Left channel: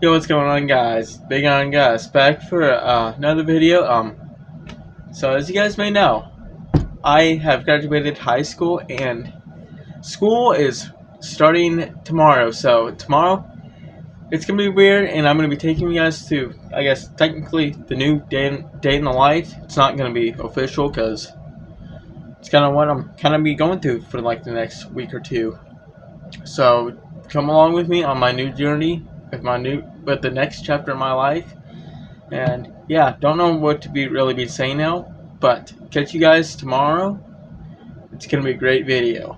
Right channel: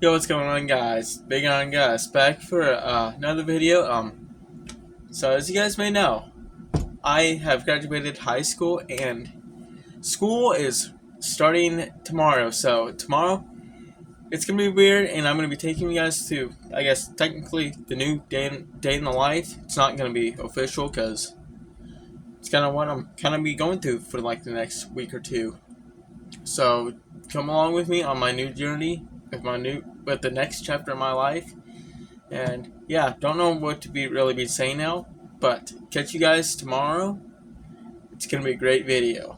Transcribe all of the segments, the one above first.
Yo, what's going on, guys? Big on Gus back for another video. So as you guys may know, I have graduated high school and school is starting tomorrow. So tomorrow it's gonna be weird, and I'm gonna be taking you guys to, I guess, technically the new day in the life. It's not gonna be official because it's kind of what I'm kind of be going through for like the next week or two. So come along with me on my new journey with the next chapter of my life. And yeah, don't know what to be saying now, but catch you guys tomorrow. It's gonna be a great video.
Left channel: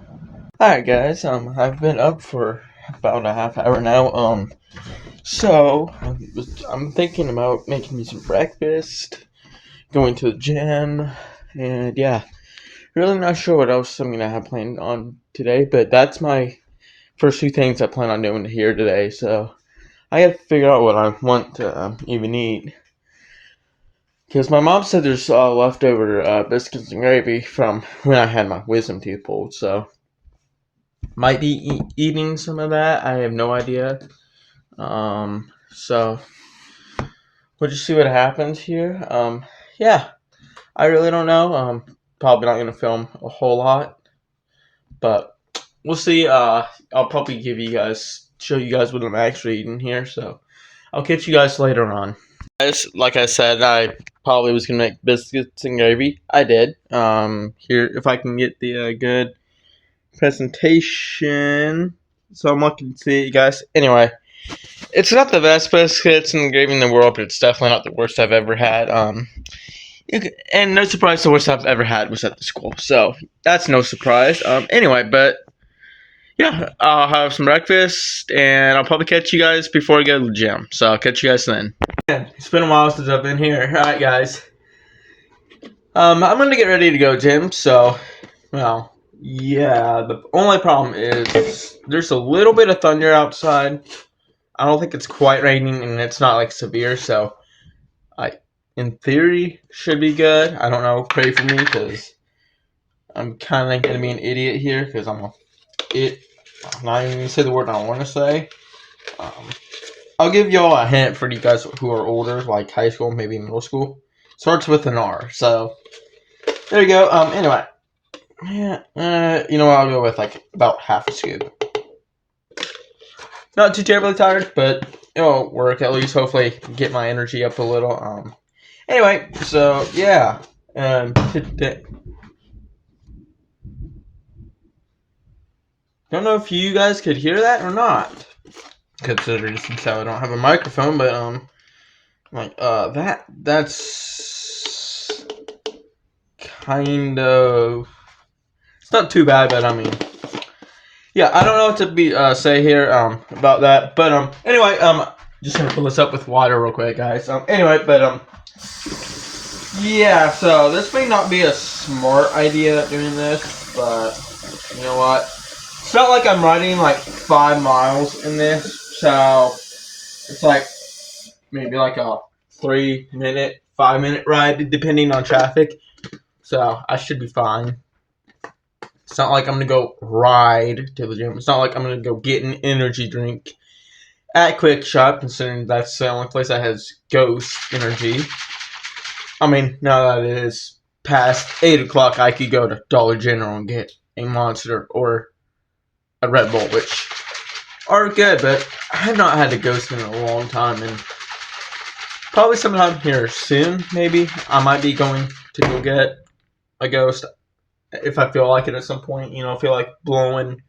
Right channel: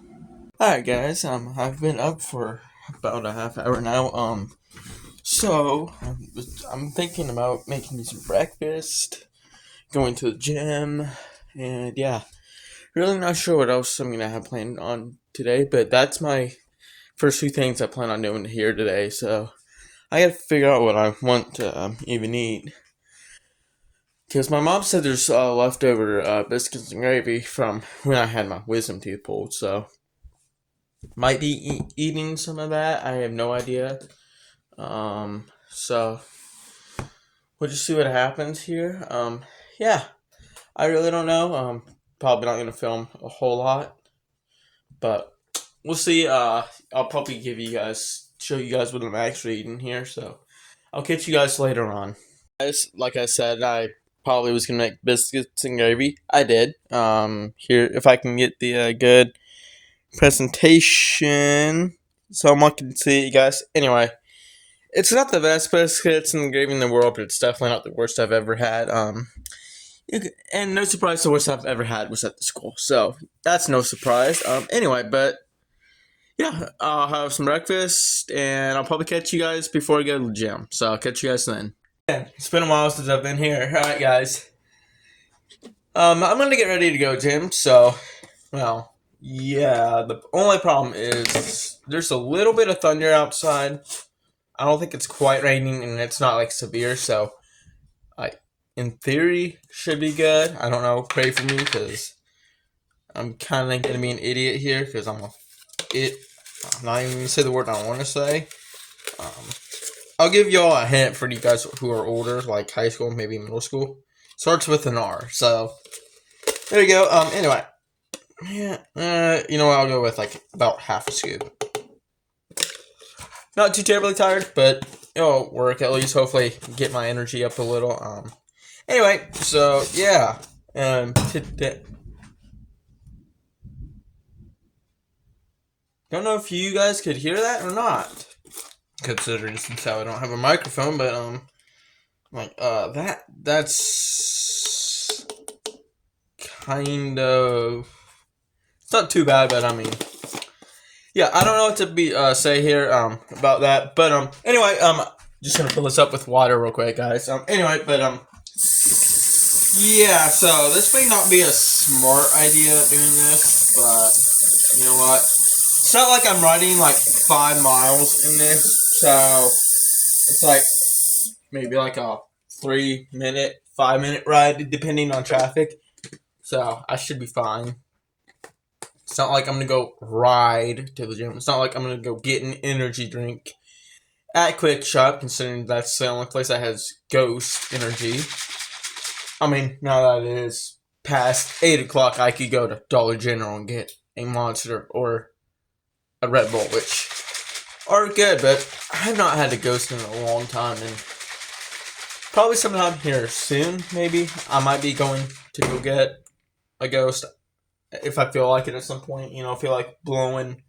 Alright guys, I've been up for about a half hour now. So I'm thinking about making me some breakfast, going to the gym, and yeah, really not sure what else I'm gonna have planned on today, but that's my first two things I plan on doing here today. So I have to figure out what I want to even eat. Because my mom said there's leftover biscuits and gravy from when I had my wisdom teeth pulled, so might be eating some of that. I have no idea. So we'll just see what happens here. Yeah, I really don't know. Probably not gonna film a whole lot, but we'll see. I'll probably show you guys what I'm actually eating here. So I'll catch you guys later on. Guys, like I said, I probably was gonna make biscuits and gravy. I did. Here, if I can get the good presentation, so I'm looking to see you guys. Anyway, it's not the best biscuits and gravy in the world, but it's definitely not the worst I've ever had. And no surprise, the worst I've ever had was at the school, so that's no surprise. Anyway, but yeah, I'll have some breakfast, and I'll probably catch you guys before I go to the gym. So I'll catch you guys then. It's been a while since I've been here. Alright, guys. I'm gonna get ready to go gym, so, well, yeah, the only problem is there's a little bit of thunder outside. I don't think it's quite raining, and it's not, like, severe, so in theory, should be good. I don't know, pray for me, because I'm kind of gonna be an idiot here, because I'm not even gonna say the word I want to say. I'll give y'all a hint for you guys who are older, like high school, maybe middle school. Starts with an R, so there you go. Anyway, yeah, you know what? I'll go with like about half a scoop. Not too terribly tired, but it'll work at least. Hopefully, get my energy up a little. Anyway, so yeah, today. Don't know if you guys could hear that or not. Considering since I don't have a microphone, but that's kind of, it's not too bad, but I mean, yeah, I don't know what to say here about that, but anyway, just gonna fill this up with water real quick, guys. Anyway, but yeah, so this may not be a smart idea doing this, but you know what? It's not like I'm riding like 5 miles in this, so it's like maybe like a 3-minute, 5-minute ride, depending on traffic. So I should be fine. It's not like I'm gonna go ride to the gym. It's not like I'm gonna go get an energy drink at Quick Shop, considering that's the only place that has Ghost energy. I mean, now that it is past 8 o'clock, I could go to Dollar General and get a Monster or a Red Bull, which are good, but I have not had a Ghost in a long time, and probably sometime here soon, maybe, I might be going to go get a Ghost if I feel like it at some point, feel like blowing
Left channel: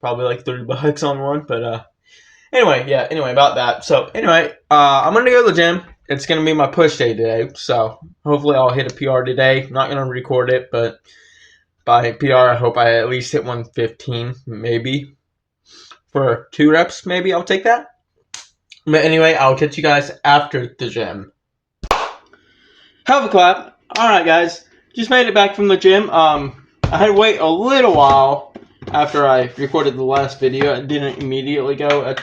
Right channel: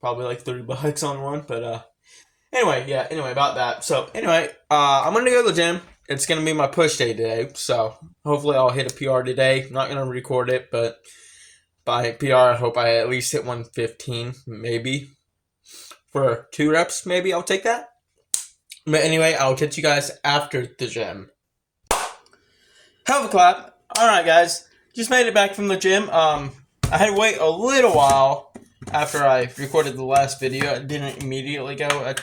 probably like $30 on one, but anyway, about that. So anyway, I'm gonna go to the gym. It's gonna be my push day today, so hopefully I'll hit a PR today. I'm not gonna record it, but by PR, I hope I at least hit 115, maybe. For 2 reps, maybe I'll take that. But anyway, I'll catch you guys after the gym. Have a clap. Alright, guys. Just made it back from the gym. I had to wait a little while after I recorded the last video. I didn't immediately go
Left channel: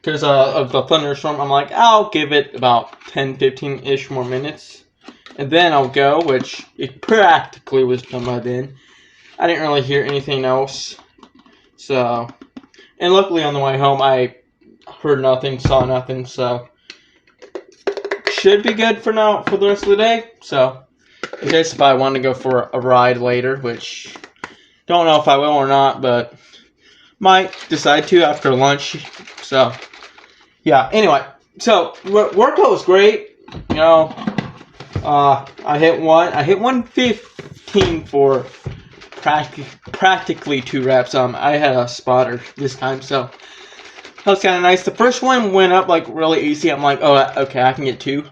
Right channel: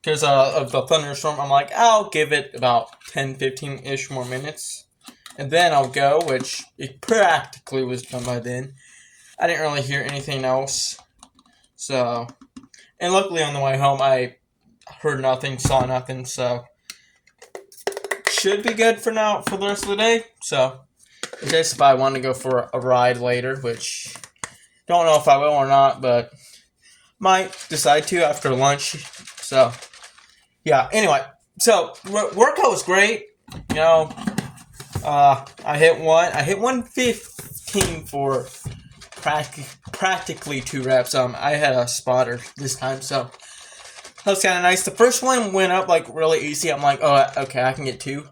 because of the thunderstorm. I'm like, I'll give it about 10-15-ish more minutes. And then I'll go, which it practically was done by then. I didn't really hear anything else. So, and luckily on the way home, I heard nothing, saw nothing, so should be good for now for the rest of the day. So in case if I want to go for a ride later, which don't know if I will or not, but might decide to after lunch. So yeah, anyway, so workout was great. You know, I hit 115 for practically 2 reps. I had a spotter this time, so that was kind of nice. The first one went up like really easy. I'm like, oh, okay, I can get 2.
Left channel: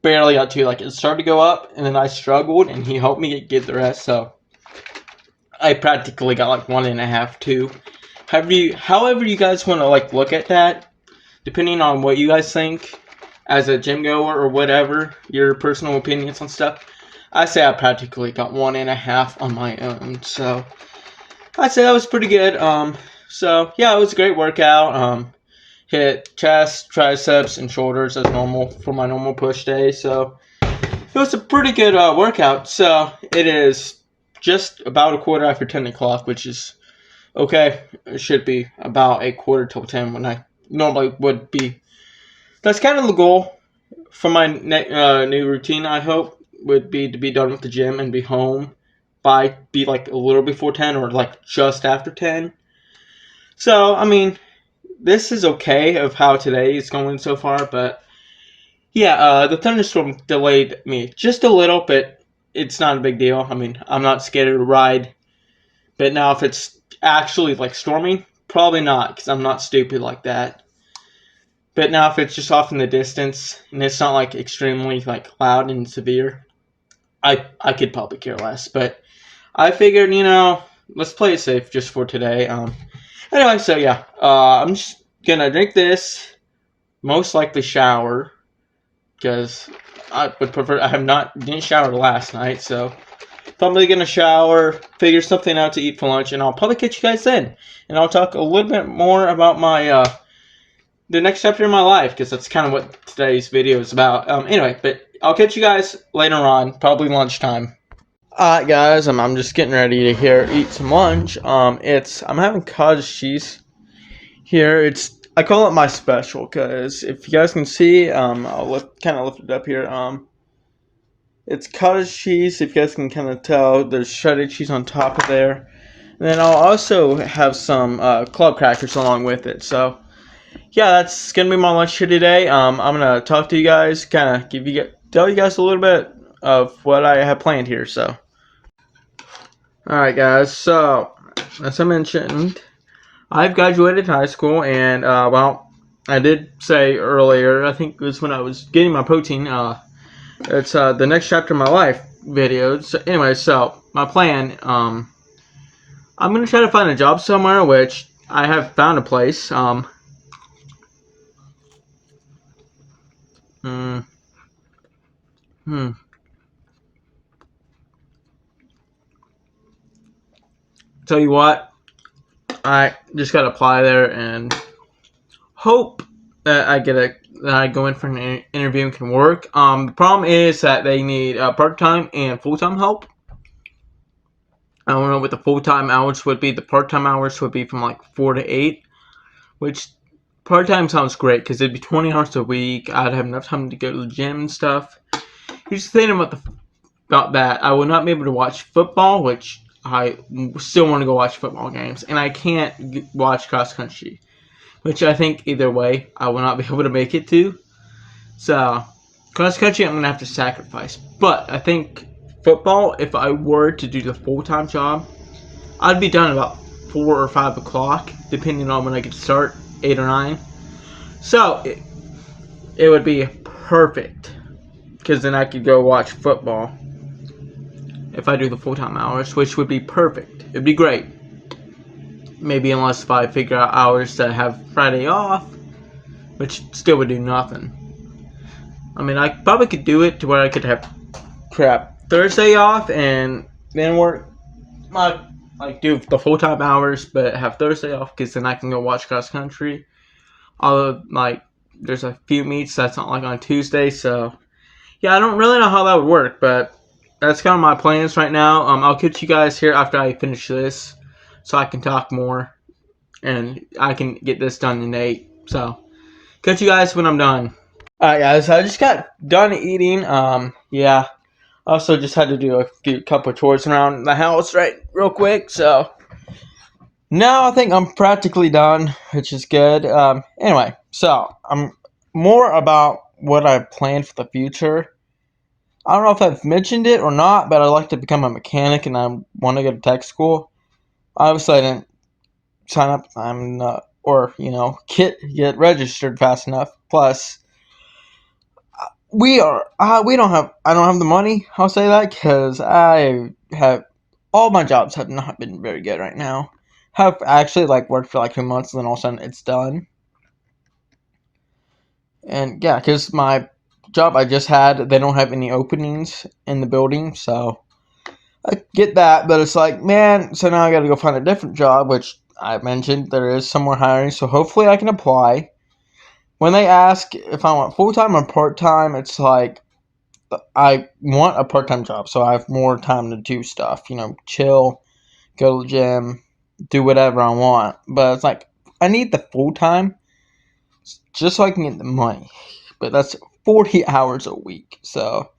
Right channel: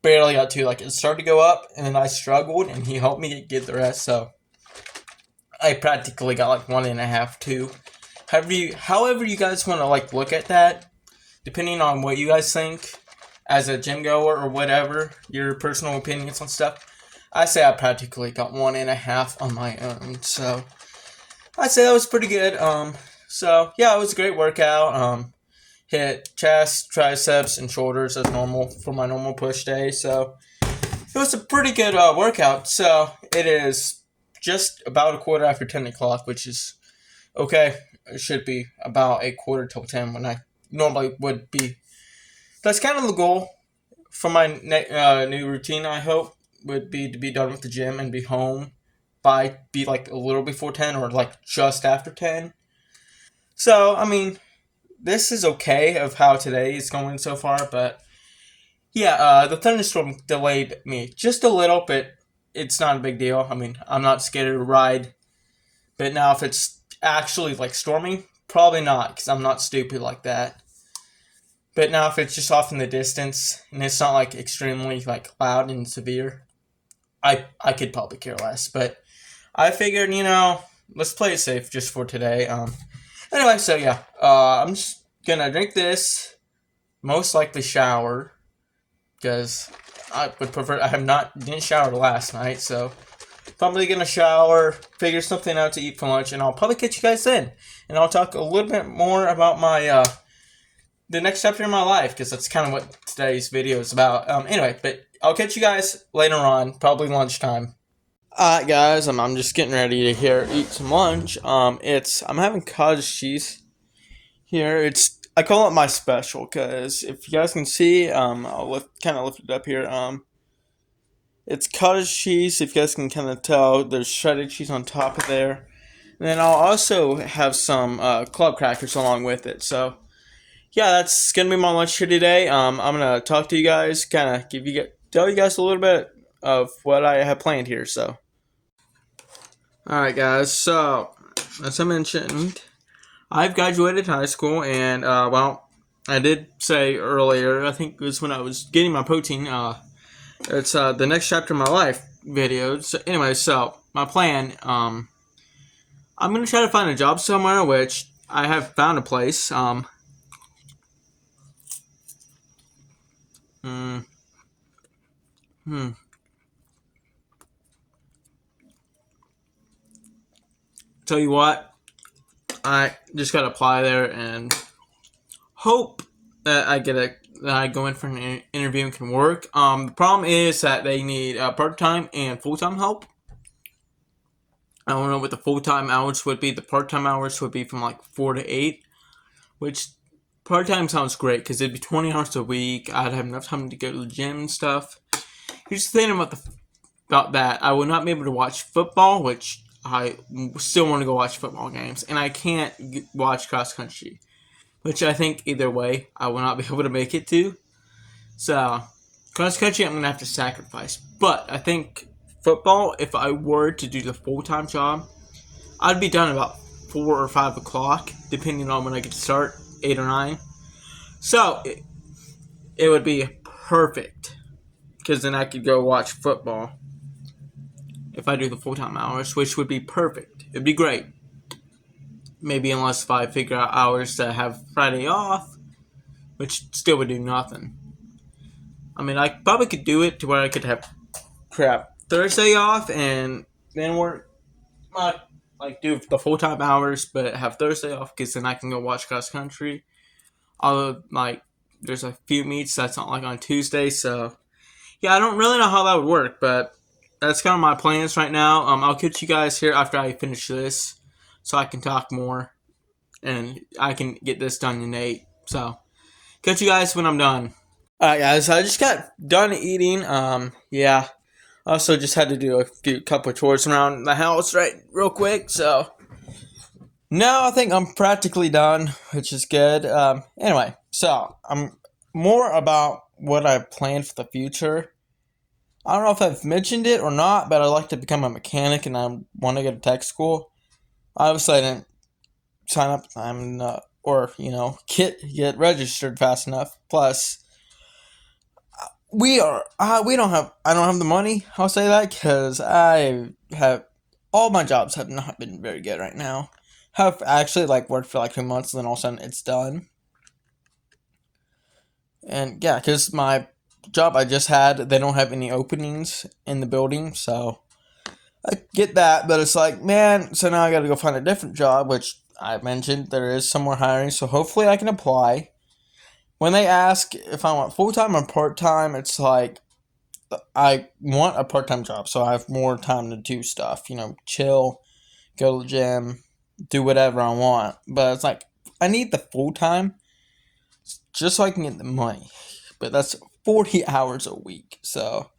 Barely got 2. Like it started to go up, and then I struggled, and he helped me get the rest. So I practically got like 1.5, 2. However you guys want to like look at that, depending on what you guys think as a gym goer or whatever, your personal opinions on stuff. I say I practically got 1.5 on my own, so I'd say that was pretty good. So yeah, it was a great workout. Hit chest, triceps, and shoulders as normal for my normal push day. So it was a pretty good workout. So it is just about a quarter after 10 o'clock, which is okay. It should be about a quarter till 10 when I normally would be. That's kind of the goal for my new routine, I hope, would be to be done with the gym and be home be like a little before 10 or like just after 10. So, I mean, this is okay of how today is going so far, but yeah, the thunderstorm delayed me just a little, but it's not a big deal. I mean, I'm not scared to ride, but now if it's actually like storming, probably not, because I'm not stupid like that. But now if it's just off in the distance and it's not like extremely like loud and severe, I could probably care less. But I figured, let's play it safe just for today. Anyway, so yeah, I'm just gonna drink this, most likely shower, because I would prefer. Didn't shower last night, so probably gonna shower, figure something out to eat for lunch, and I'll probably catch you guys then, and I'll talk a little bit more about my the next chapter in my life, because that's kind of what today's video is about. Anyway, but I'll catch you guys later on, probably lunchtime. Alright guys, I'm just getting ready to eat some lunch. I'm having cottage cheese here. I call it my special, because if you guys can see, I'll kind of lift it up here. It's cottage cheese. If you guys can kind of tell, there's shredded cheese on top of there, and then I'll also have some club crackers along with it. So yeah, that's gonna be my lunch here today. I'm gonna talk to you guys, kind of tell you guys a little bit of what I have planned here. So, all right, guys. So, as I mentioned, I've graduated high school, and well, I did say earlier. I think it was when I was getting my protein. It's the next chapter of my life video. So, anyway, so my plan. I'm gonna try to find a job somewhere, which I have found a place. Tell you what, I just gotta apply there and hope that I go in for an interview and can work. The problem is that they need part-time and full-time help. I don't know what the full-time hours would be. The part-time hours would be from like 4 to 8, which part-time sounds great because it'd be 20 hours a week. I'd have enough time to go to the gym and stuff. Here's the thing about that. I will not be able to watch football, which I still want to go watch football games, and I can't watch cross country, which I think either way I will not be able to make it to. So cross country I'm gonna have to sacrifice, but I think football, if I were to do the full-time job, I'd be done about 4 or 5 o'clock, depending on when I get to start, 8 or 9. So it would be perfect, because then I could go watch football if I do the full-time hours, which would be perfect. It'd be great. Maybe unless if I figure out hours to have Friday off, which still would do nothing. I mean, I probably could do it to where I could have Thursday off and then work do the full-time hours, but have Thursday off, because then I can go watch cross country. Although there's a few meets that's not like on Tuesday, so yeah, I don't really know how that would work, but that's kind of my plans right now. I'll catch you guys here after I finish this, so I can talk more and I can get this done in So, catch you guys when I'm done. Alright, guys, I just got done eating. Yeah. Also, just had to do a couple chores around the house, right, real quick. So, now I think I'm practically done, which is good. Anyway, so I'm more about what I planned for the future. I don't know if I've mentioned it or not, but I'd like to become a mechanic and I want to go to tech school. Obviously, I didn't sign up. I'm not, or get registered fast enough. Plus, we don't have. I don't have the money. I'll say that because I have all my jobs have not been very good right now. Have actually worked for 2 months and then all of a sudden it's done. And yeah, because my job I just had, they don't have any openings in the building, so I get that, but it's like, man, so now I gotta go find a different job, which I mentioned there is somewhere hiring, so hopefully I can apply. When they ask if I want full time or part time, it's like, I want a part time job, so I have more time to do stuff, chill, go to the gym, do whatever I want. But it's like, I need the full time just so I can get the money. But that's 40 hours a week, so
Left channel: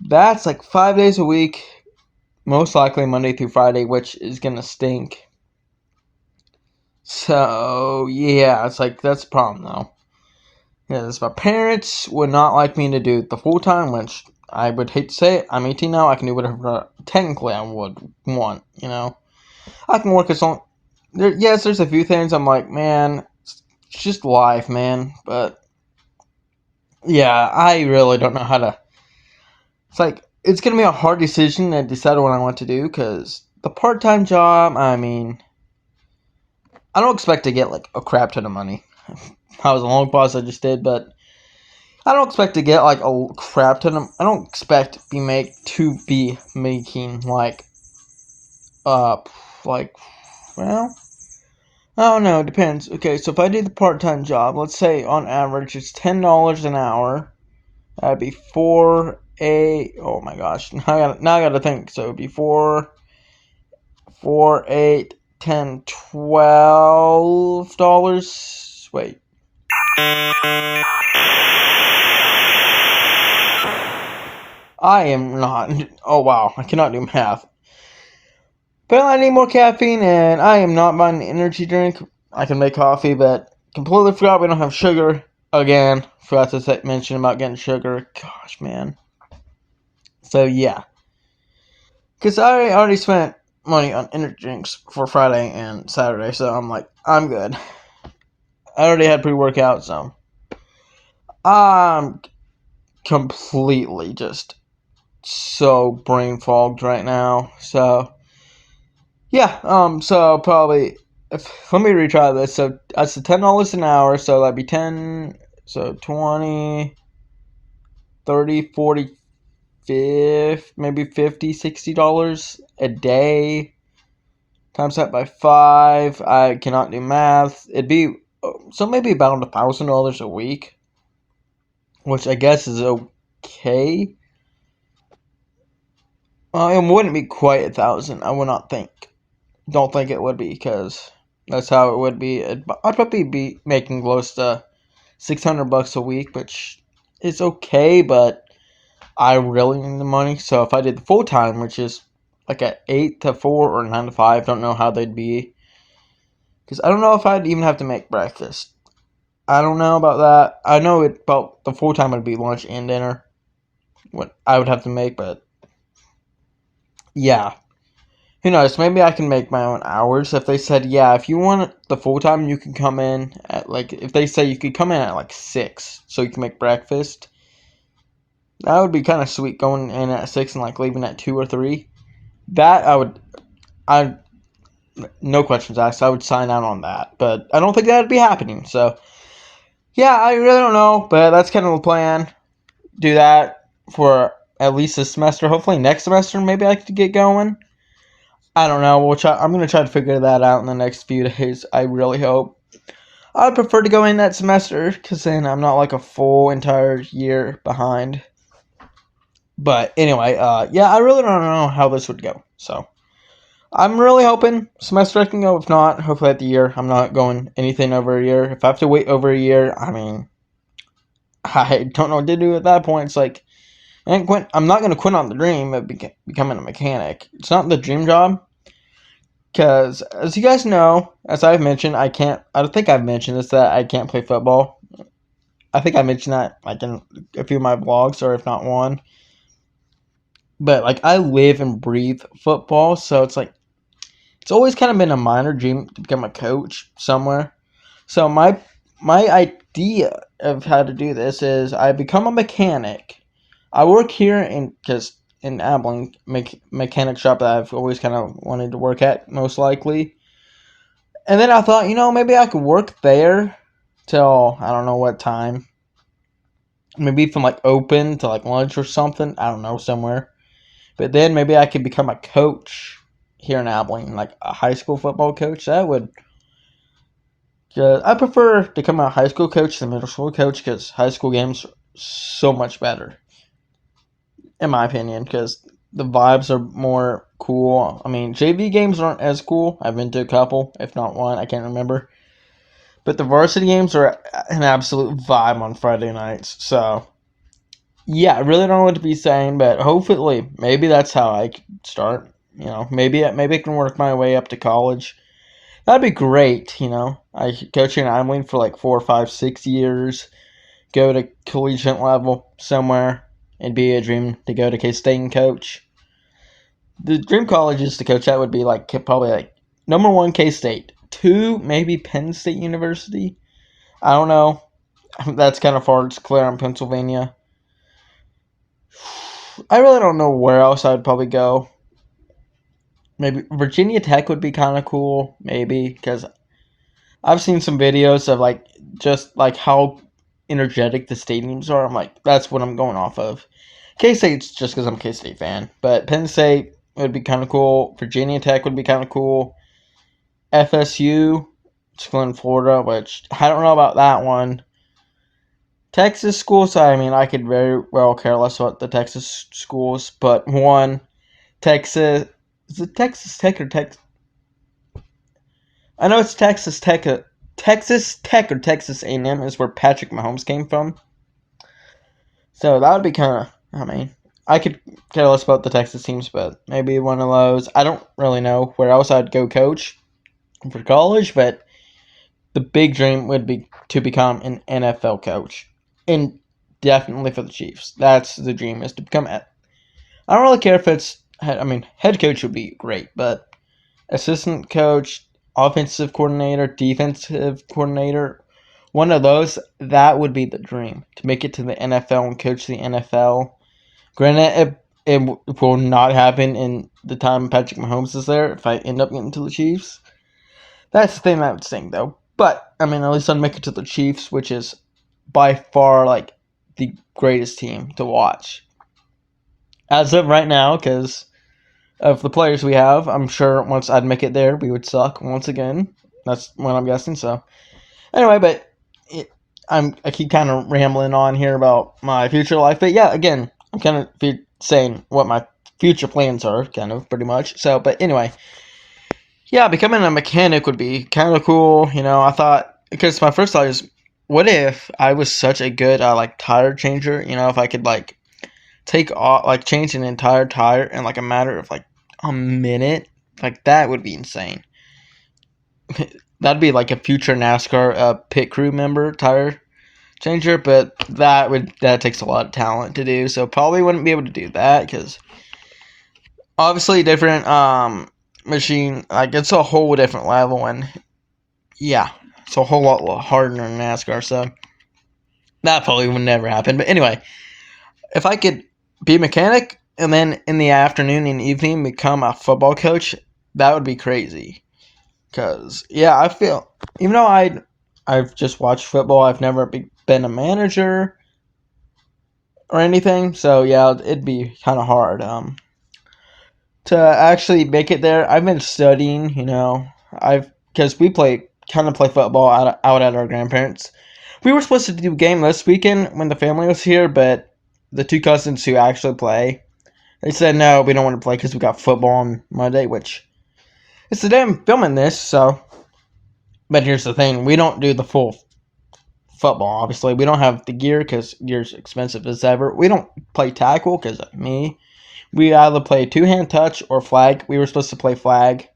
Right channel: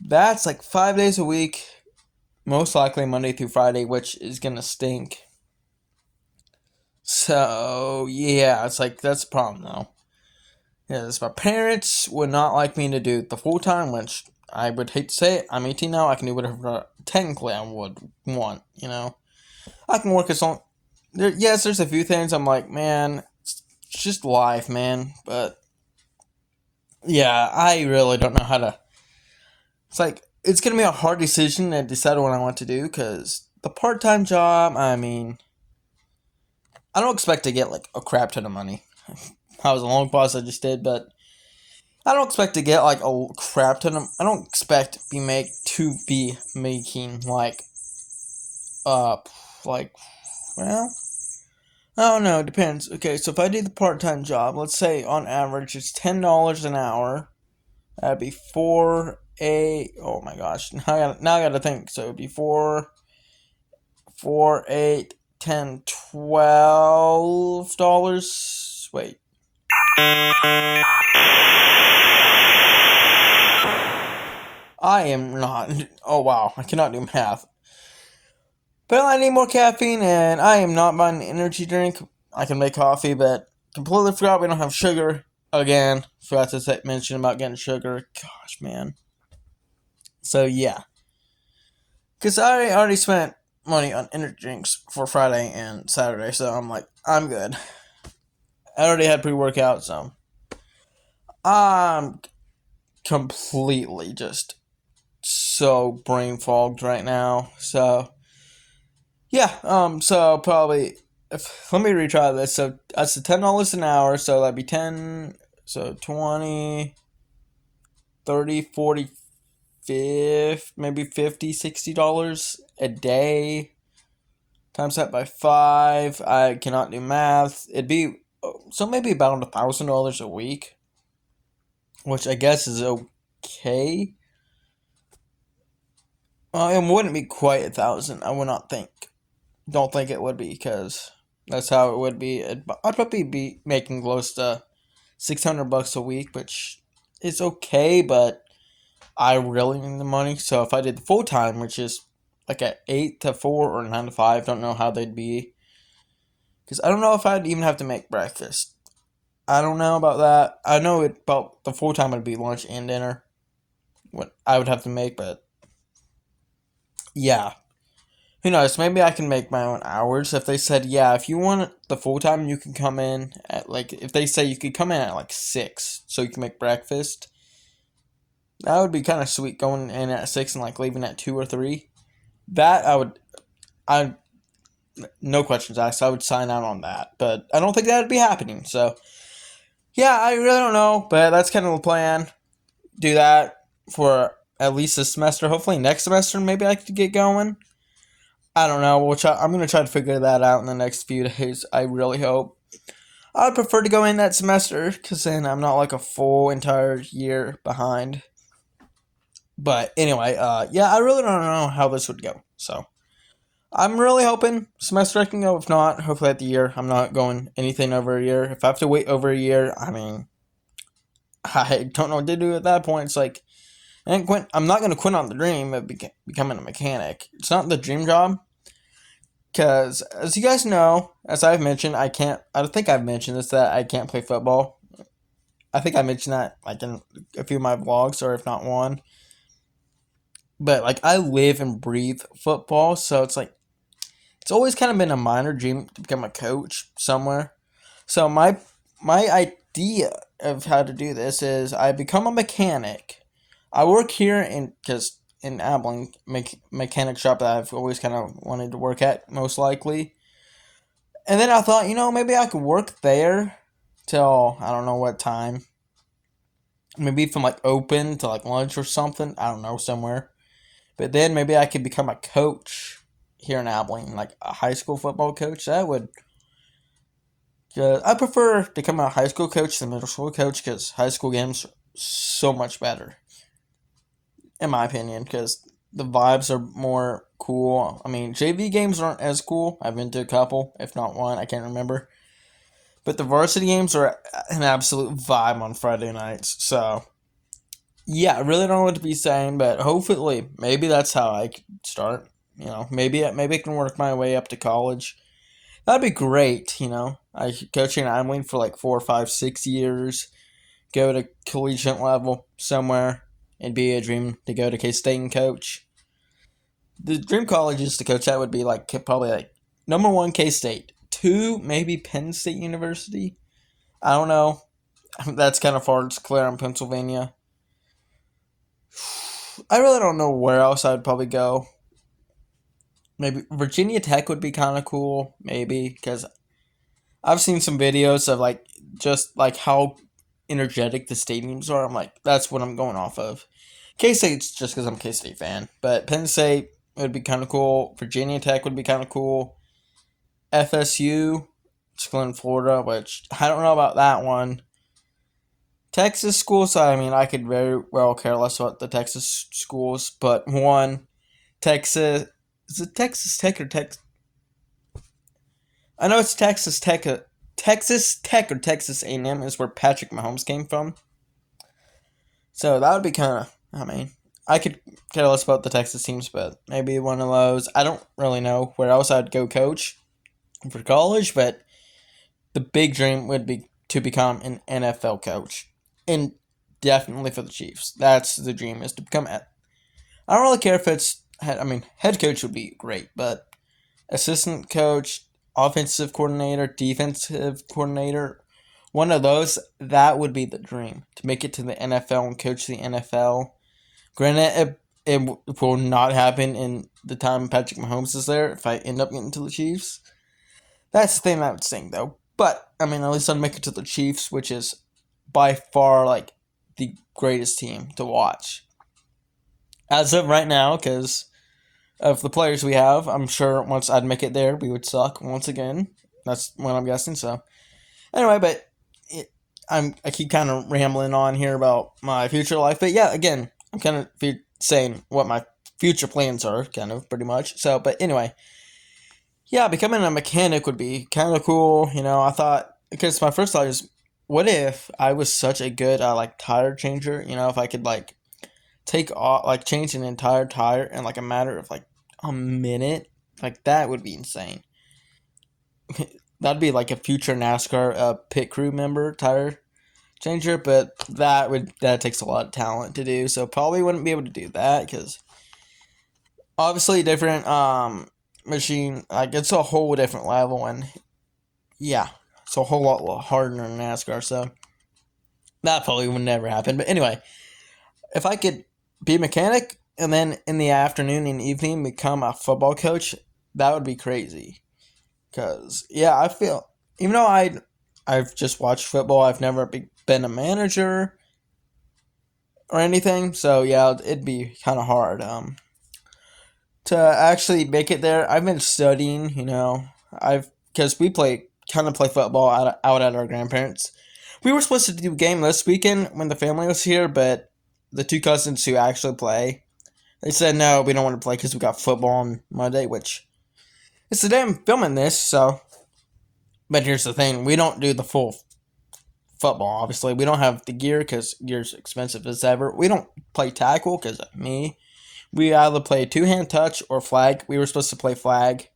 that's 5 days a week, most likely Monday through Friday, which is gonna stink. So yeah, it's that's the problem though. Yes, my parents would not like me to do the full time, which I would hate to say it. I'm 18 now. I can do whatever technically I would want. I can work as long. Yes, there's a few things I'm like, man, it's just life, man. But yeah, I really don't know how to. It's gonna be a hard decision to decide what I want to do because the part time job. I mean, I don't expect to get a crap ton of money. I was a long pause I just did, but I don't expect to get a crap ton of. I don't expect to be making well, I don't know. It depends. Okay, so if I do the part time job, let's say on average it's $10 an hour. That'd be oh my gosh, now I gotta think. So it'd be 4, 8, 10, $12. Wait. I am not. Oh wow, I cannot do math. But I need more caffeine, and I am not buying an energy drink. I can make coffee, but completely forgot we don't have sugar. Again, forgot to mention about getting sugar. Gosh, man. So yeah, because I already spent money on energy drinks for Friday and Saturday, so I'm I'm good. I already had pre-workout, so I'm completely just so brain fogged right now. So yeah, so probably let me retry this. So that's the $10 an hour, so that'd be 10, so 20, 30, 40, 50, maybe $50, $60 a day. Times that by 5. I cannot do math. It'd be so maybe about $1,000 a week, which I guess is okay. It wouldn't be quite 1,000. I would not think. Don't think it would be because that's how it would be. I'd probably be making close to $600 a week, which is okay, but I really need the money. So if I did the full time, which is at 8 to 4 or 9 to 5, don't know how they'd be. Because I don't know if I'd even have to make breakfast. I don't know about that. I know about the full time would be lunch and dinner. What I would have to make, but yeah. Who knows? Maybe I can make my own hours. If they said, yeah, if you want the full time, you can come in at if they say you could come in at 6, so you can make breakfast. That would be kind of sweet, going in at 6 and leaving at 2 or 3. That no questions asked, I would sign out on that. But I don't think that would be happening. So, yeah, I really don't know. But that's kind of the plan. Do that for at least this semester. Hopefully next semester, maybe I could get going. I don't know. I'm going to try to figure that out in the next few days. I really hope. I'd prefer to go in that semester because then I'm not a full entire year behind. But anyway, yeah, I really don't know how this would go. So I'm really hoping semester I can go. If not, hopefully at the year. I'm not going anything over a year. If I have to wait over a year, I mean, I don't know what to do at that point. It's like, I'm not going to quit on the dream of becoming a mechanic. It's not the dream job. Because, as you guys know, as I've mentioned, I don't think I've mentioned this, that I can't play football. I think I mentioned that, like, in a few of my vlogs, or if not one. But, like, I live and breathe football, so it's like, it's always kind of been a minor dream to become a coach somewhere. So, my idea of how to do this is I become a mechanic. I work here in Abilene, mechanic shop that I've always kind of wanted to work at, most likely. And then I thought, maybe I could work there till I don't know what time. Maybe from like open to like lunch or something. I don't know, somewhere. But then maybe I could become a coach here in Abilene, like a high school football coach. That would. I prefer to become a high school coach than middle school coach because high school games are so much better, in my opinion, because the vibes are more cool. I mean, JV games aren't as cool. I've been to a couple, if not one. I can't remember. But the varsity games are an absolute vibe on Friday nights. So, yeah, I really don't know what to be saying, but hopefully, maybe that's how I could start. Maybe I can work my way up to college. That'd be great. I coaching Abilene for like 4, 5, 6 years. Go to collegiate level somewhere. It'd be a dream to go to K-State and coach. The dream colleges to coach at would be like probably like number 1 K-State, 2 maybe Penn State University. I don't know. That's kind of far. It's Claremont, Pennsylvania. I really don't know where else I'd probably go. Maybe Virginia Tech would be kind of cool. Maybe because I've seen some videos of like just like how energetic the stadiums are. I'm like, that's what I'm going off of. K-State's just because I'm a K-State fan. But Penn State would be kind of cool. Virginia Tech would be kind of cool. FSU, school in Florida, which I don't know about that one. Texas schools, I mean, I could very well care less about the Texas schools, but one, Texas, is it Texas Tech or Texas? I know it's Texas Tech. Texas Tech or Texas A&M is where Patrick Mahomes came from. So that would be kind of, I mean, I could care less about the Texas teams, but maybe one of those. I don't really know where else I'd go coach for college, but the big dream would be to become an NFL coach. And definitely for the Chiefs. That's the dream, is to become I don't really care if it's, head coach would be great, but assistant coach, offensive coordinator, defensive coordinator, one of those, that would be the dream. To make it to the NFL and coach the NFL. Granted, it will not happen in the time Patrick Mahomes is there if I end up getting to the Chiefs. That's the thing I would sing, though. But, at least I'd make it to the Chiefs, which is by far, like, the greatest team to watch. As of right now, because of the players we have, I'm sure once I'd make it there, we would suck once again. That's what I'm guessing, so. Anyway, but I keep kind of rambling on here about my future life. But yeah, again, I'm kind of saying what my future plans are, kind of, pretty much. So, but anyway. Yeah, becoming a mechanic would be kind of cool. I thought, because my first thought is, what if I was such a good, tire changer? If I could, take off, change an entire tire in, a matter of, a minute. That would be insane. That'd be, a future NASCAR pit crew member tire changer, but that takes a lot of talent to do, so probably wouldn't be able to do that, because obviously different, machine, it's a whole different level, and yeah, it's a whole lot harder than NASCAR, so that probably would never happen. But anyway, if I could be a mechanic and then in the afternoon and evening become a football coach, that would be crazy. Because yeah, I feel, even though I've just watched football, I've never been a manager or anything, so yeah, it'd be kind of hard to actually make it there. I've been studying, because we play football out at our grandparents. We were supposed to do a game this weekend when the family was here, but the 2 cousins who actually play, they said no, we don't want to play because we got football on Monday, which it's the day I'm filming this, so. But here's the thing: we don't do the full football. Obviously, we don't have the gear because gear's expensive as ever. We don't play tackle because me. We either play two-hand touch or flag. We were supposed to play flag.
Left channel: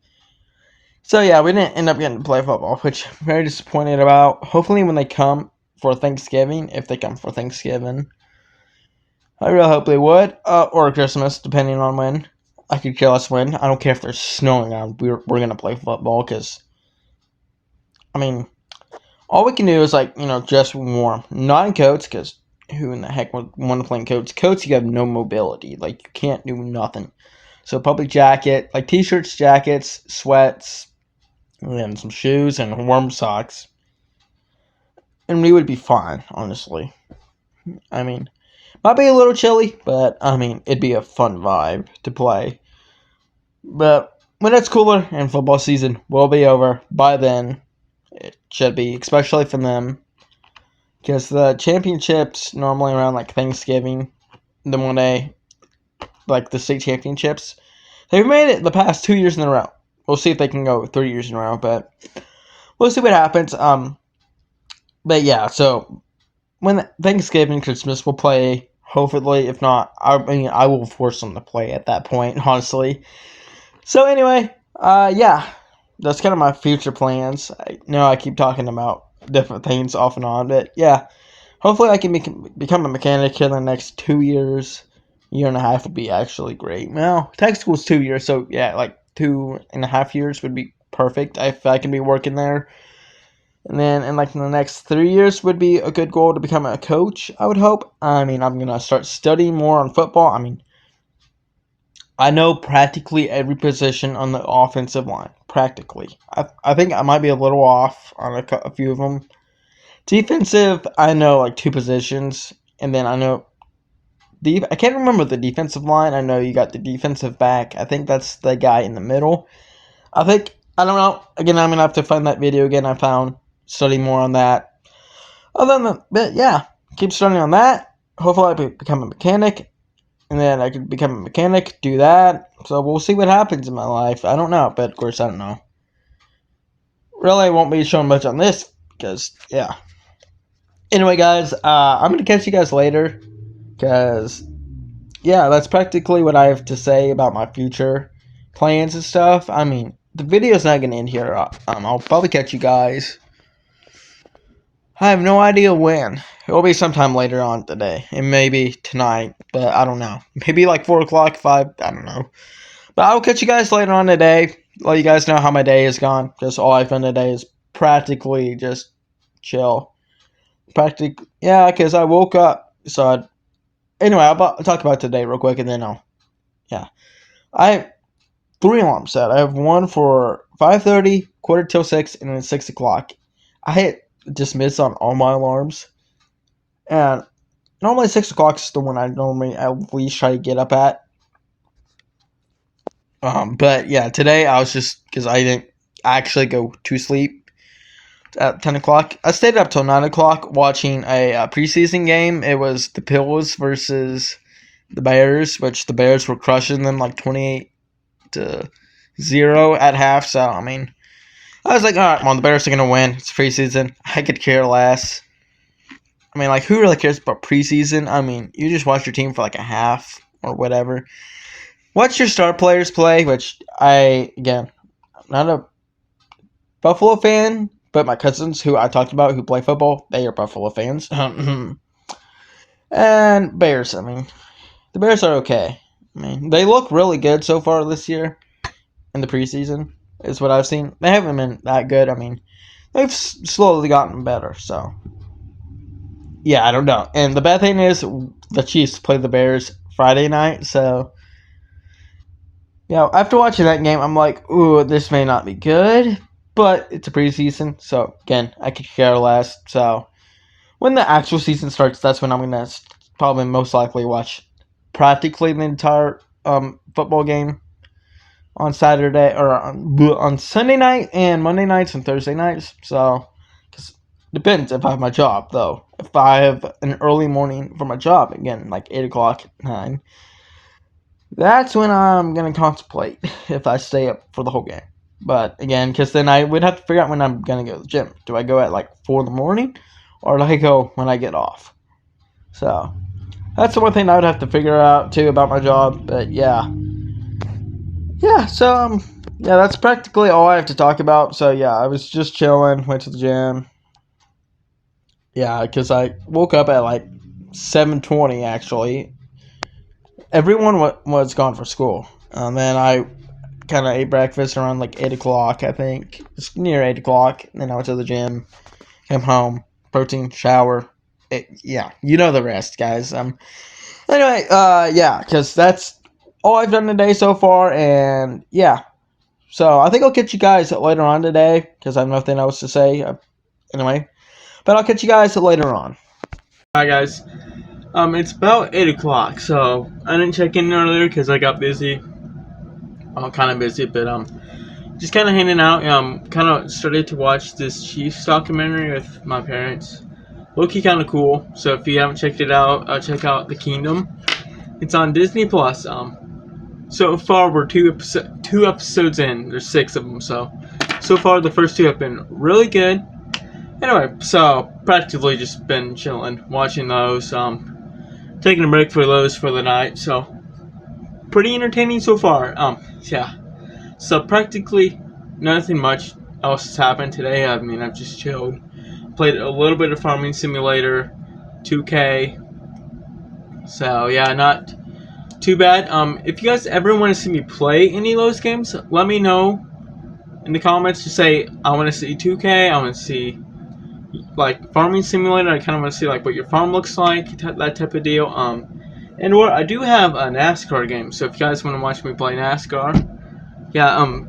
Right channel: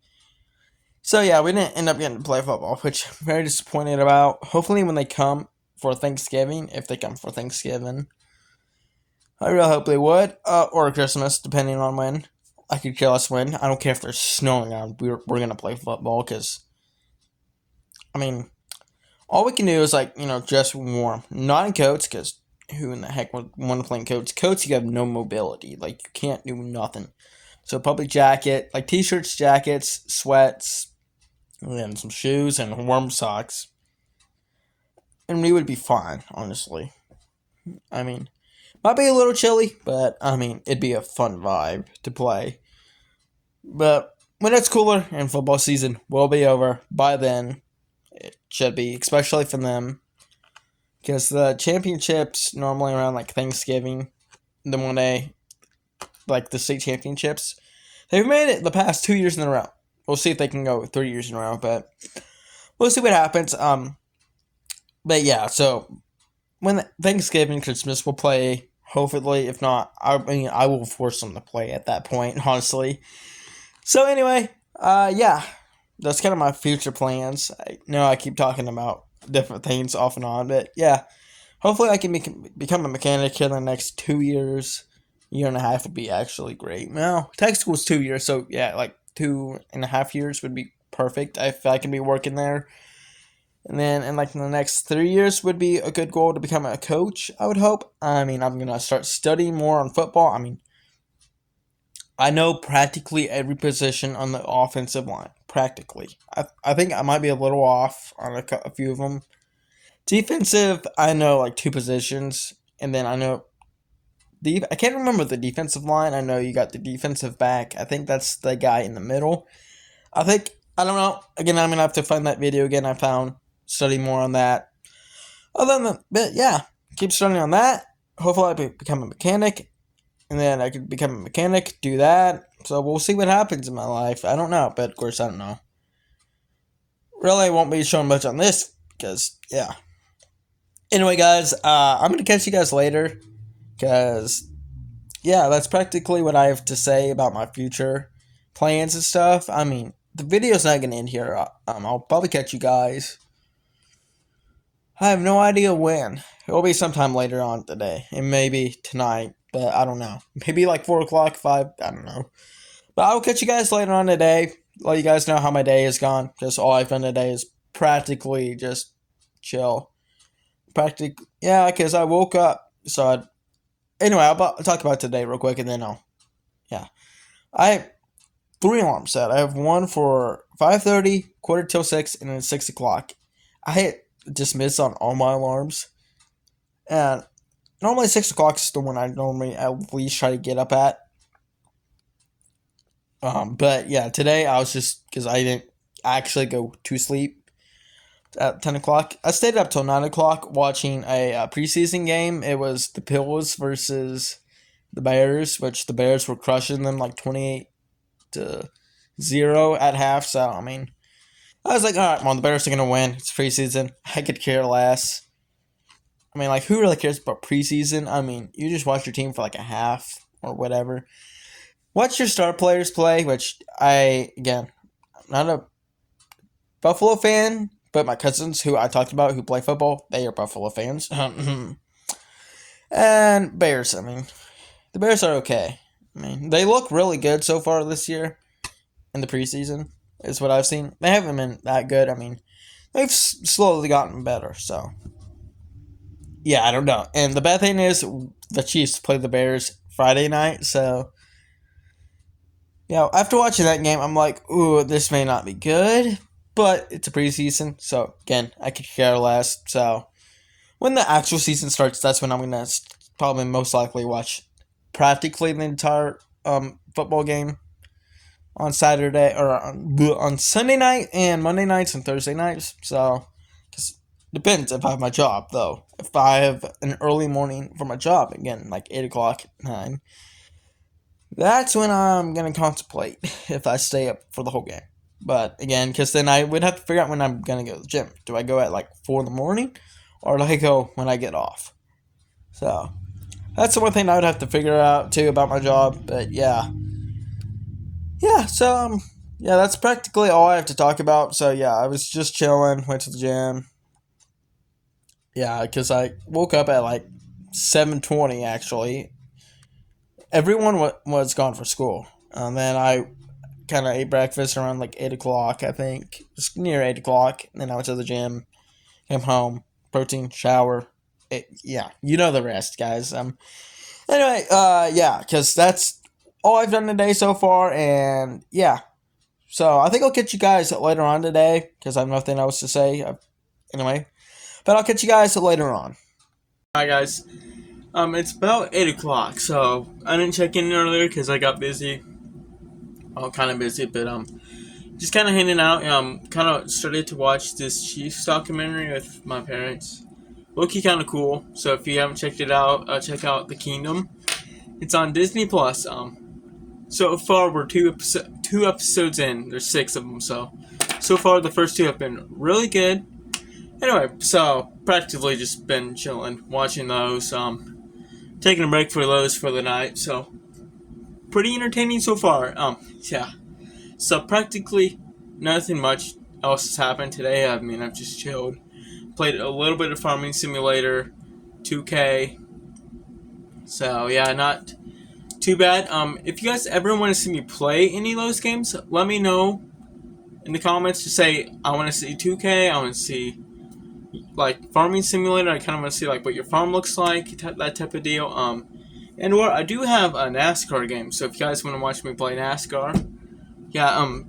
So yeah, we didn't end up getting to play football, which I'm very disappointed about. Hopefully when they come for Thanksgiving, if they come for Thanksgiving, I really hope they would, or Christmas, depending on when. I could care less when. I don't care if there's snowing out. We're going to play football because, I mean, all we can do is, like, just warm. Not in coats, because who in the heck would want to play in coats? Coats, you have no mobility. Like, you can't do nothing. So, public jacket, like t-shirts, jackets, sweats, and some shoes and warm socks. And we would be fine, honestly. I mean, might be a little chilly, but, it'd be a fun vibe to play. But when it's cooler and football season will be over, by then, it should be, especially for them. Because the championships, normally around, like, Thanksgiving, the one day, like, the state championships, they've made it the past 2 years in a row. We'll see if they can go 3 years in a row, but we'll see what happens. But yeah, so when Thanksgiving, Christmas, we'll play. Hopefully, if not, I will force them to play at that point, honestly. So anyway, yeah, that's kind of my future plans. I know I keep talking about different things off and on, but yeah, hopefully I can become a mechanic in the next 2 years. Year and a half would be actually great. Now, tech school is 2 years, so yeah, like 2.5 years would be perfect if I can be working there. And then in the next 3 years would be a good goal to become a coach, I would hope. I'm going to start studying more on football. I know practically every position on the offensive line. Practically. I think I might be a little off on a few of them. Defensive, I know like 2 positions. And then I know I can't remember the defensive line. I know you got the defensive back. I think that's the guy in the middle. I don't know. Again, I'm going to have to find that video again I found. Study more on that. Other than that, but yeah, keep studying on that. Hopefully I become a mechanic. And then I could become a mechanic, do that. So we'll see what happens in my life. I don't know, but of course I don't know. Really, I won't be showing much on this because, yeah. Anyway, guys, I'm going to catch you guys later because, yeah, that's practically what I have to say about my future plans and stuff. The video's not going to end here. I'll probably catch you guys. I have no idea when. It will be sometime later on today. And maybe tonight. But I don't know. Maybe like 4 o'clock, 5. I don't know. But I'll catch you guys later on today. Let you guys know how my day is gone. Just all I've done today is practically just chill. Yeah, because I woke up. Anyway, I'll talk about today real quick and then yeah. I have 3 alarms set. I have one for 5:30, 5:45, and then 6 o'clock. I hit dismiss on all my alarms. And normally 6 o'clock is the one I normally at least try to get up at. But yeah, today I was just, because I didn't actually go to sleep at 10 o'clock. I stayed up till 9 o'clock watching a preseason game. It was the Bills versus the Bears, which the Bears were crushing them like 28-0 at half. So, I was like, all right, well, the Bears are going to win. It's preseason. I could care less. Who really cares about preseason? You just watch your team for like a half or whatever. Watch your star players play, which I'm not a Buffalo fan, but my cousins who I talked about who play football, they are Buffalo fans. And Bears, the Bears are okay. They look really good so far this year in the preseason, is what I've seen. They haven't been that good. They've slowly gotten better, so. Yeah, I don't know. And the bad thing is, the Chiefs play the Bears Friday night, so. Yeah, after watching that game, I'm like, ooh, this may not be good, but it's a preseason, so again, I could care less. So, when the actual season starts, that's when I'm going to probably most likely watch practically the entire football game on Saturday, or on Sunday night, and Monday nights, and Thursday nights. So, depends if I have my job, though. If I have an early morning for my job, again, like 8 o'clock, 9, that's when I'm going to contemplate if I stay up for the whole game. But again, because then I would have to figure out when I'm gonna go to the gym. Do I go at like 4 in the morning, or do I go when I get off? So that's the one thing I would have to figure out too about my job. But yeah. So yeah, that's practically all I have to talk about. So yeah, I was just chilling, went to the gym. Yeah, because I woke up at like 7:20 actually. Everyone was gone for school. Then I kind of ate breakfast around like 8 o'clock, I think. Just near 8 o'clock. Then I went to the gym, came home, protein, shower. Yeah, you know the rest, guys. Anyway, yeah, because that's all I've done today so far, and yeah. So I think I'll catch you guys later on today, because I have nothing else to say. Anyway, but I'll catch you guys later on. Alright, guys. It's about 8 o'clock, so I didn't check in earlier because I got busy. I'm kind of busy, but just kind of hanging out. Kind of started to watch this Chiefs documentary with my parents. Low-key kind of cool. So if you haven't checked it out, check out The Kingdom. It's on Disney Plus. So far we're two episodes in. There's 6 of them. So far the first 2 have been really good. Anyway, so practically just been chilling, watching those. Taking a break for those for the night. So pretty entertaining so far. Yeah. So practically nothing much else has happened today. I mean, I've just chilled. Played a little bit of Farming Simulator, 2K. So yeah, not too bad. If you guys ever want to see me play any of those games, let me know in the comments. Just say I want to see 2K. I want to see like Farming Simulator. I kind of want to see like what your farm looks like, that type of deal. And what I do have a NASCAR game. So if you guys want to watch me play NASCAR, yeah,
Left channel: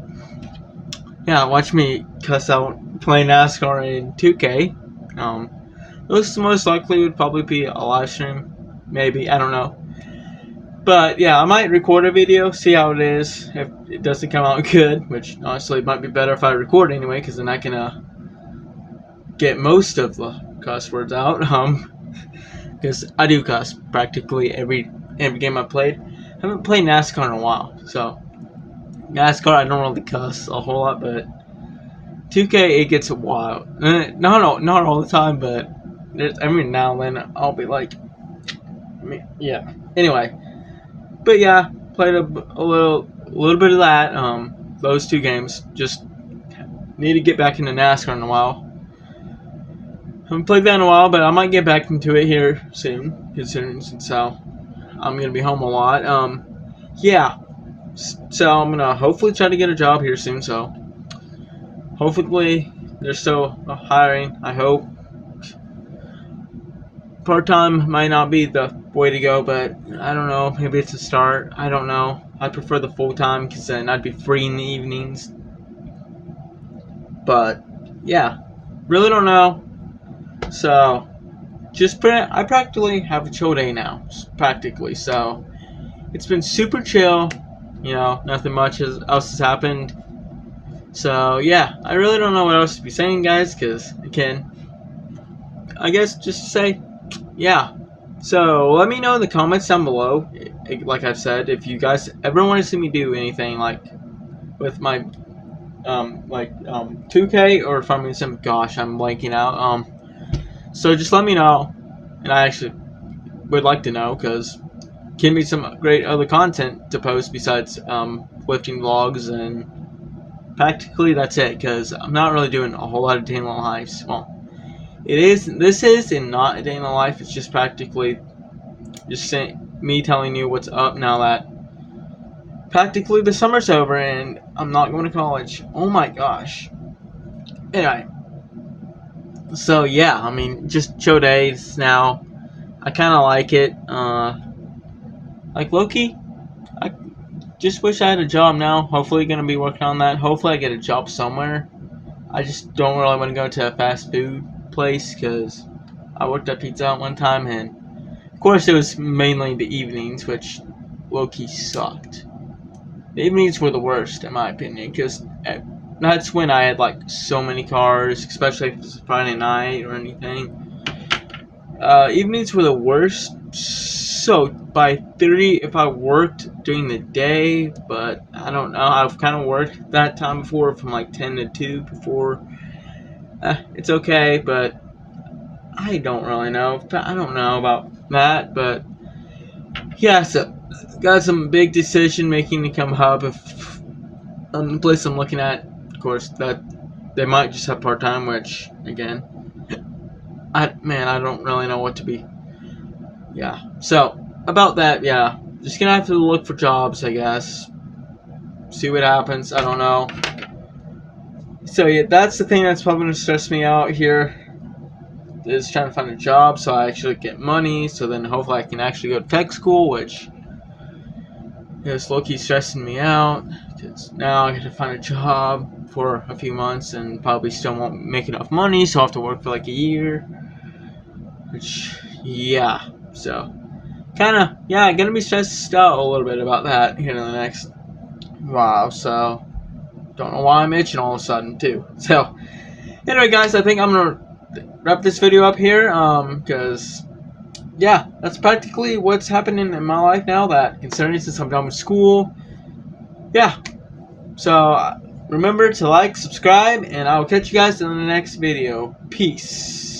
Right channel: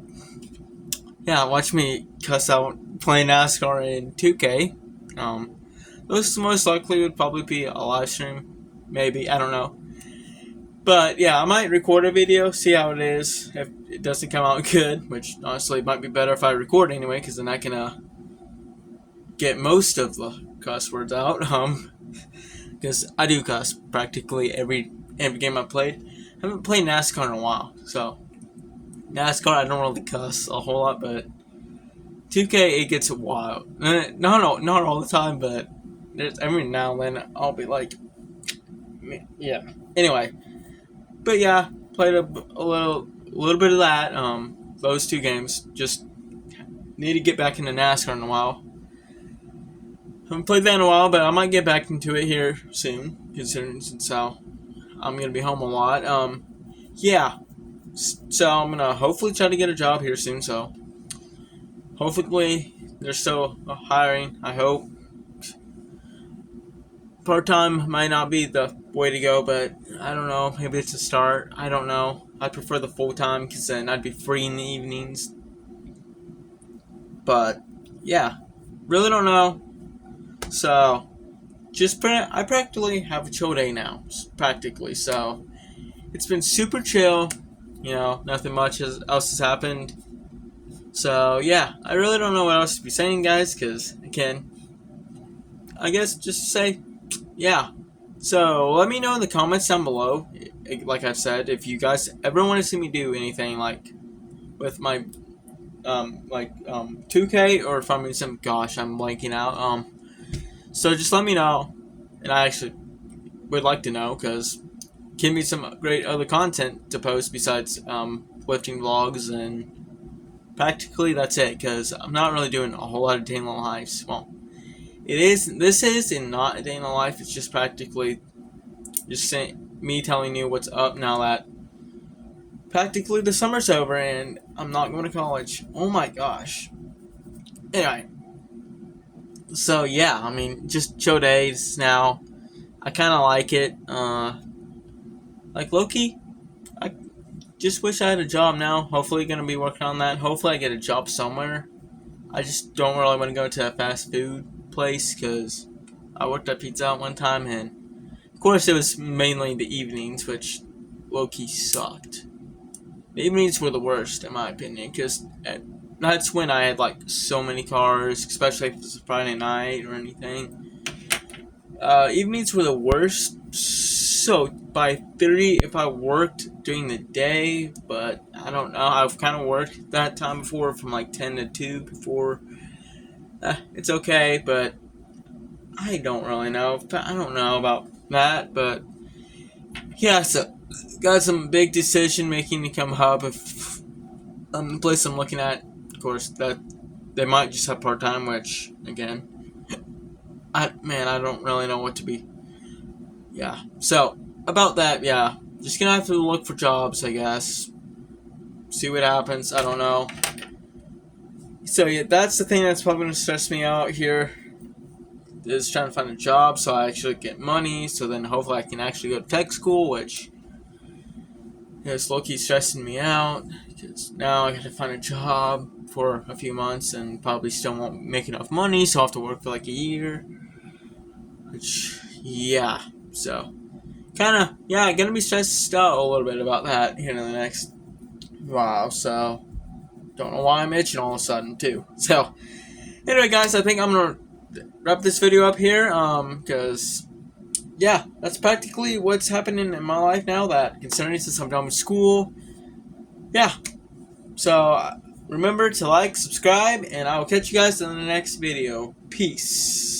watch me cuss out play NASCAR in 2K. Those most likely would probably be a live stream, maybe, I don't know. But yeah, I might record a video, see how it is. If it doesn't come out good, which honestly might be better if I record anyway, because then I can get most of the cuss words out. Because I do cuss practically every game I played. I haven't played NASCAR in a while, so NASCAR I don't really cuss a whole lot, but 2K it gets wild. Not all the time, but every now and then I'll be like, yeah. Anyway, but yeah, played a little bit of that. Those 2 games. Just need to get back into NASCAR in a while. Haven't played that in a while, but I might get back into it here soon, considering since I'm gonna be home a lot. Yeah. So I'm gonna hopefully try to get a job here soon. So hopefully they're still hiring. I hope. Part-time might not be the way to go, but I don't know. Maybe it's a start. I don't know. I prefer the full-time because then I'd be free in the evenings. But yeah, really don't know. So I practically have a chill day now, practically. So it's been super chill. You know, nothing much else has happened. So yeah, I really don't know what else to be saying, guys. Because again, I guess just say, yeah. So let me know in the comments down below. Like I've said, if you guys ever want to see me do anything like with my 2K or Farming Sim, gosh, I'm blanking out. So just let me know, and I actually would like to know because can be some great other content to post besides lifting vlogs, and practically that's it because I'm not really doing a whole lot of day in the lives. Well, this is and not a day in the life. It's just practically just me telling you what's up now that practically the summer's over and I'm not going to college. Oh my gosh. Anyway. So yeah, I mean, just chill days now. I kind of like it. Like Loki, I just wish I had a job now. Hopefully gonna be working on that. Hopefully I get a job somewhere. I just don't really want to go to a fast food place because I worked at Pizza Hut one time, and of course it was mainly the evenings, which low-key sucked. The evenings were the worst in my opinion because that's when I had like so many cars, especially if it's Friday night or anything. Evenings were the worst. So by theory, if I worked during the day, but I don't know. I've kind of worked that time before from like 10 to 2 before. It's okay, but I don't really know. I don't know about that, but yeah, so got some big decision making to come up. If the place I'm looking at, of course, that they might just have part time, which again, I don't really know what to be. Yeah, so about that, yeah, just gonna have to look for jobs, I guess. See what happens. I don't know. So yeah, that's the thing that's probably gonna stress me out here. Is trying to find a job so I actually get money. So then hopefully I can actually go to tech school, which is low-key stressing me out because now I got to find a job for a few months and probably still won't make enough money, so I'll have to work for like a year. Which, yeah, so kind of, yeah, gonna be stressed out a little bit about that here in the next while. So don't know why I'm itching all of a sudden too. So anyway, guys, I think I'm gonna wrap this video up here because yeah, that's practically what's happening in my life now, that considering since I'm done with school. Yeah, so remember to like, subscribe, and I will catch you guys in the next video. Peace.